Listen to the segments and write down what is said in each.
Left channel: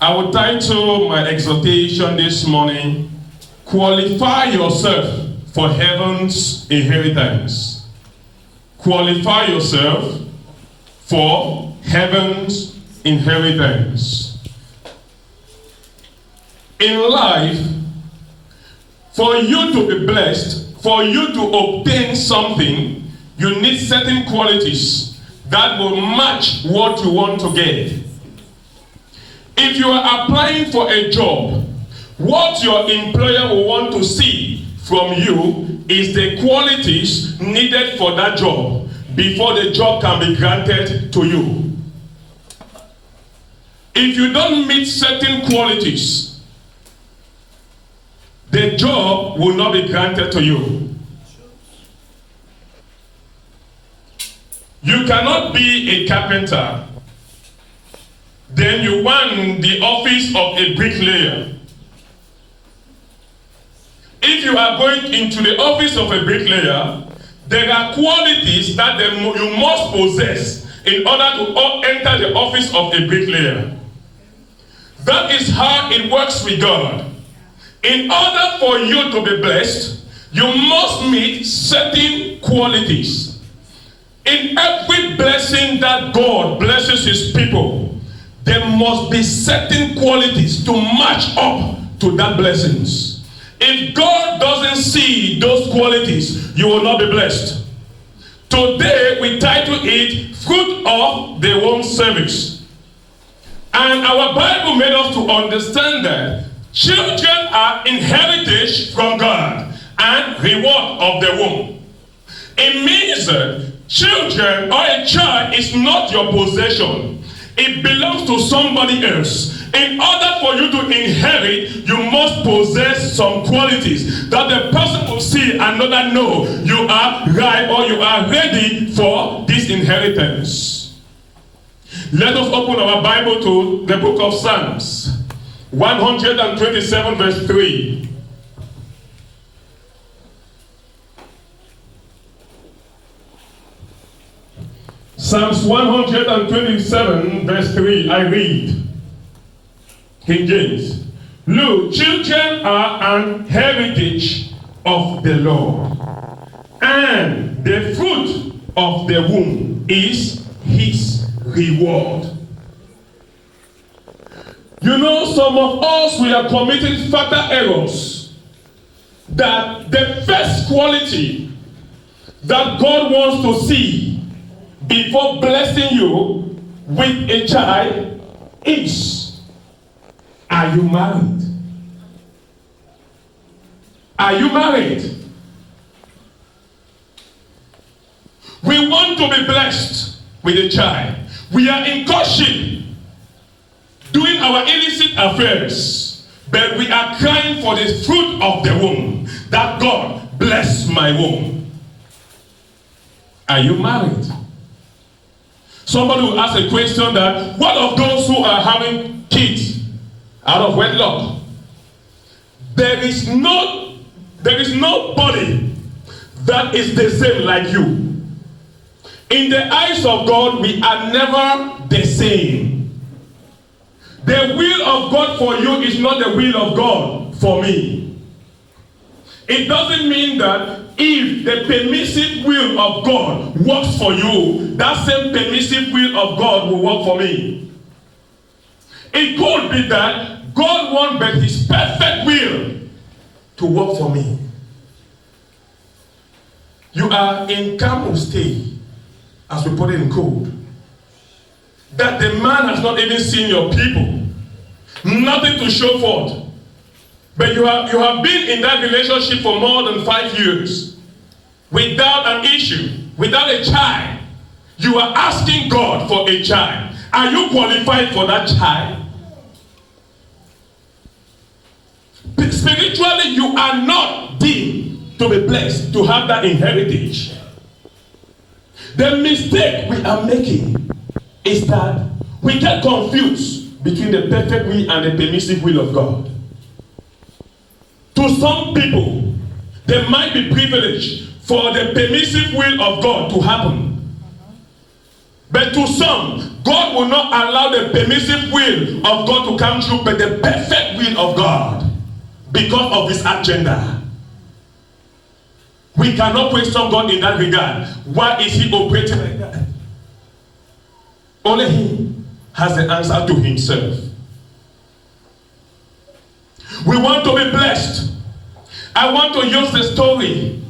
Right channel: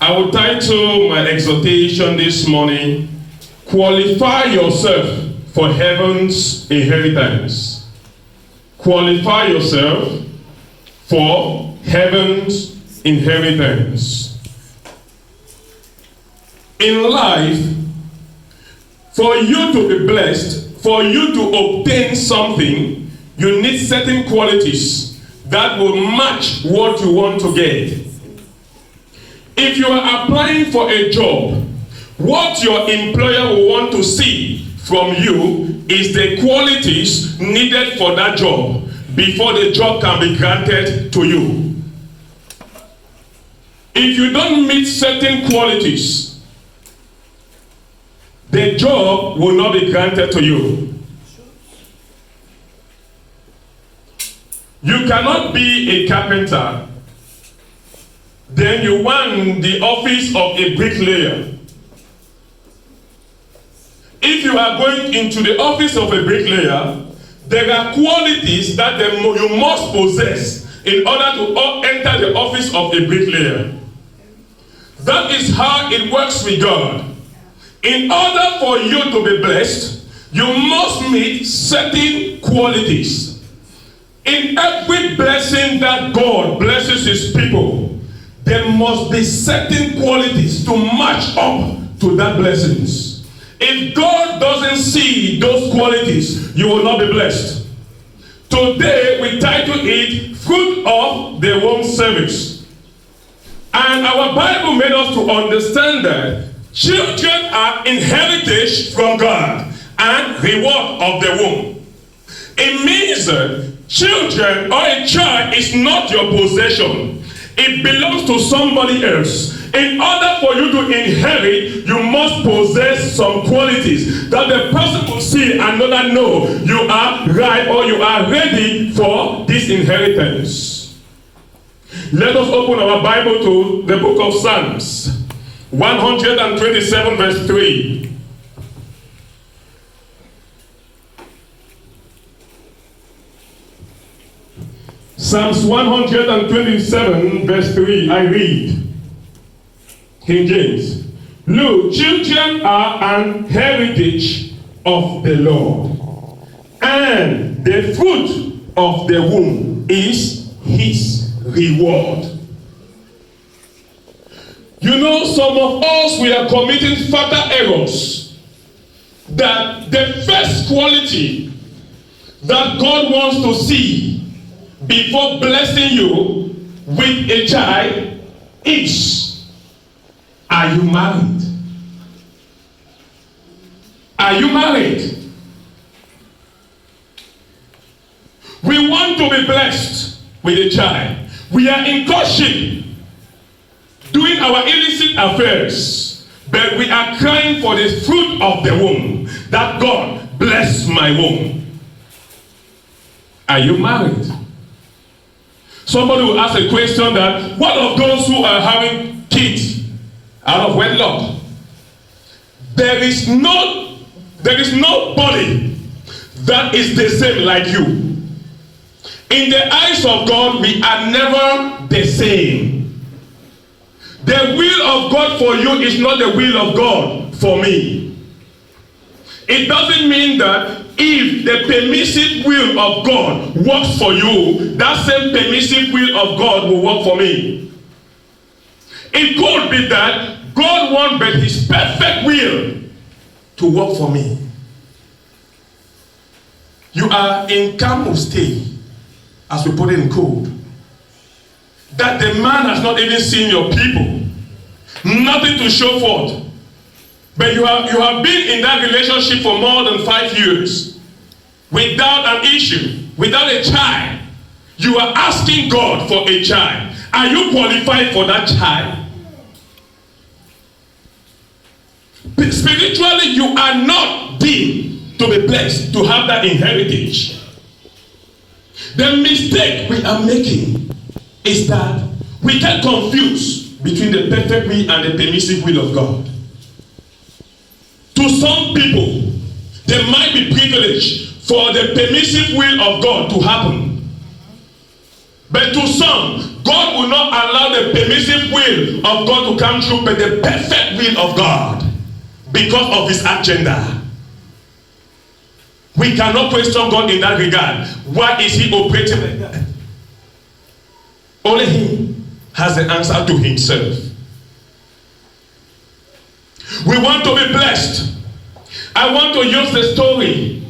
I will title my exhortation this morning, Qualify Yourself for Heaven's Inheritance. Qualify yourself for Heaven's inheritance. In life, for you to be blessed, for you to obtain something, you need certain qualities that will match what you want to get. If you are applying for a job, what your employer will want to see from you is the qualities needed for that job before the job can be granted to you. If you don't meet certain qualities, the job will not be granted to you. You cannot be a carpenter, then you want the office of a bricklayer. If you are going into the office of a bricklayer, there are qualities that you must possess in order to enter the office of a bricklayer. That is how it works with God. In order for you to be blessed, you must meet certain qualities. In every blessing that God blesses his people, there must be certain qualities to match up to that blessings. If God doesn't see those qualities, you will not be blessed. Today we title it Fruit of the Womb Service. And our Bible made us to understand that children are inherited from God and reward of the womb. It means that children or a child is not your possession. It belongs to somebody else. In order for you to inherit, you must possess some qualities that the person will see and know you are right or you are ready for this inheritance. Let us open our Bible to the book of Psalms, 127 verse 3. Psalms 127 verse 3, I read. King James. Look, children are an heritage of the Lord, and the fruit of the womb is his reward. You know, some of us, we are committing fatal errors. That the first quality that God wants to see before blessing you with a child is, are you married? Are you married? We want to be blessed with a child. We are in courtship, doing our illicit affairs, but we are crying for the fruit of the womb, that God bless my womb. Are you married? Somebody will ask a question that, what of those who are having kids out of wedlock? There is nobody that is the same like you. In the eyes of God, we are never the same. The will of God for you is not the will of God for me. It doesn't mean that if the permissive will of God works for you, that same permissive will of God will work for me. It could be that God wants but his perfect will to work for me. You are in camp stay, as we put it in code, that the man has not even seen your people, nothing to show forth. But you have been in that relationship for more than 5 years without an issue, without a child. You are asking God for a child. Are you qualified for that child? Spiritually, you are not deemed to be blessed, to have that inheritance. The mistake we are making is that we get confused between the perfect will and the permissive will of God. To some people, there might be privilege for the permissive will of God to happen. But to some, God will not allow the permissive will of God to come true, but the perfect will of God because of his agenda. We cannot question God in that regard. Why is he operating like that? Only he has the answer to himself. We want to be blessed. I want to use the story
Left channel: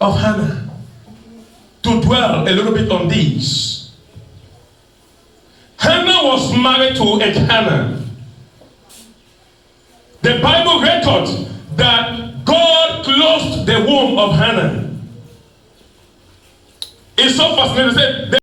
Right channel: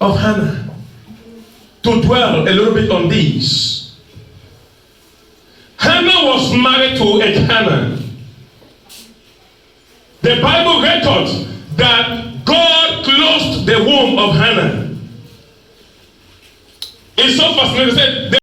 of Hannah to dwell a little bit on this. Hannah was married to Elkanah. The Bible records that God closed the womb of Hannah. It's so fascinating.